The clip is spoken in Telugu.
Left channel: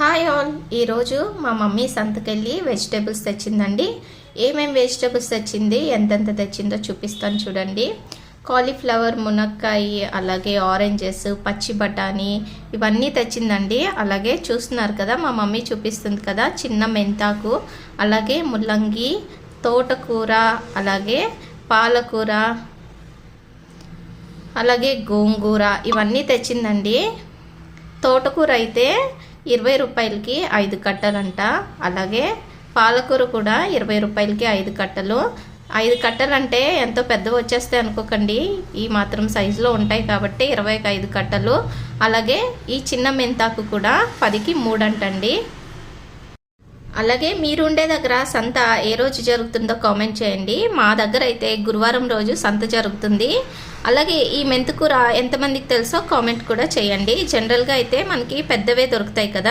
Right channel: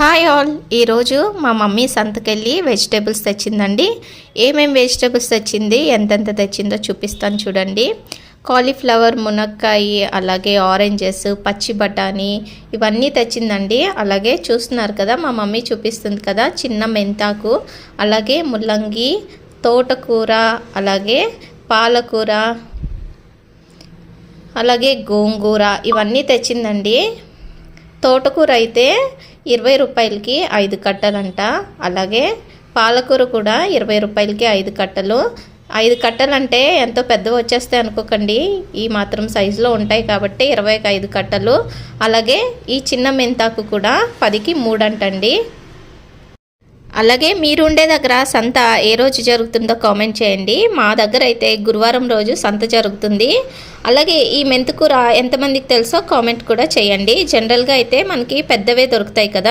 హాయ్ ఆల్, ఈరోజు మా మమ్మీ సంతకెళ్ళి వెజిటేబుల్స్ తెచ్చిందండి. ఏమేమి వెజిటేబుల్స్ తెచ్చింది, ఎంతెంత తెచ్చిందో చూపిస్తాను చూడండి. కాలీఫ్లవర్, మునక్కాయ, అలాగే ఆరెంజెస్, పచ్చి బఠానీ ఇవన్నీ తెచ్చిందండి. అలాగే చూస్తున్నారు కదా, మా మమ్మీ చూపిస్తుంది కదా, చిన్న మెంతాకు, అలాగే ముల్లంగి, తోటకూర, అలాగే పాలకూర, అలాగే గోంగూర ఇవన్నీ తెచ్చిందండి. తోటకూర అయితే 20 రూపాయలకి 5 కట్టలంట. అలాగే పాలకూర కూడా 20 రూపాయలకి 5 కట్టలు. 5 కట్టలు అంటే ఎంతో పెద్దవి వచ్చేస్తాయి అనుకోకండి, ఈ మాత్రం సైజులో ఉంటాయి కాబట్టి 20కి 5 కట్టలు. అలాగే ఈ చిన్న మెంతాకు కూడా 10కి 3 అంటండి. అలాగే మీరు ఉండే దగ్గర సంత ఏ రోజు జరుగుతుందో కామెంట్ చేయండి. మా దగ్గర అయితే గురువారం రోజు సంత జరుగుతుంది. అలాగే ఈ మెంతికూర ఎంతమందికి తెలుసో కామెంట్ కూడా చేయండి. జనరల్గా అయితే మనకి పెద్దవే దొరుకుతాయి కదా.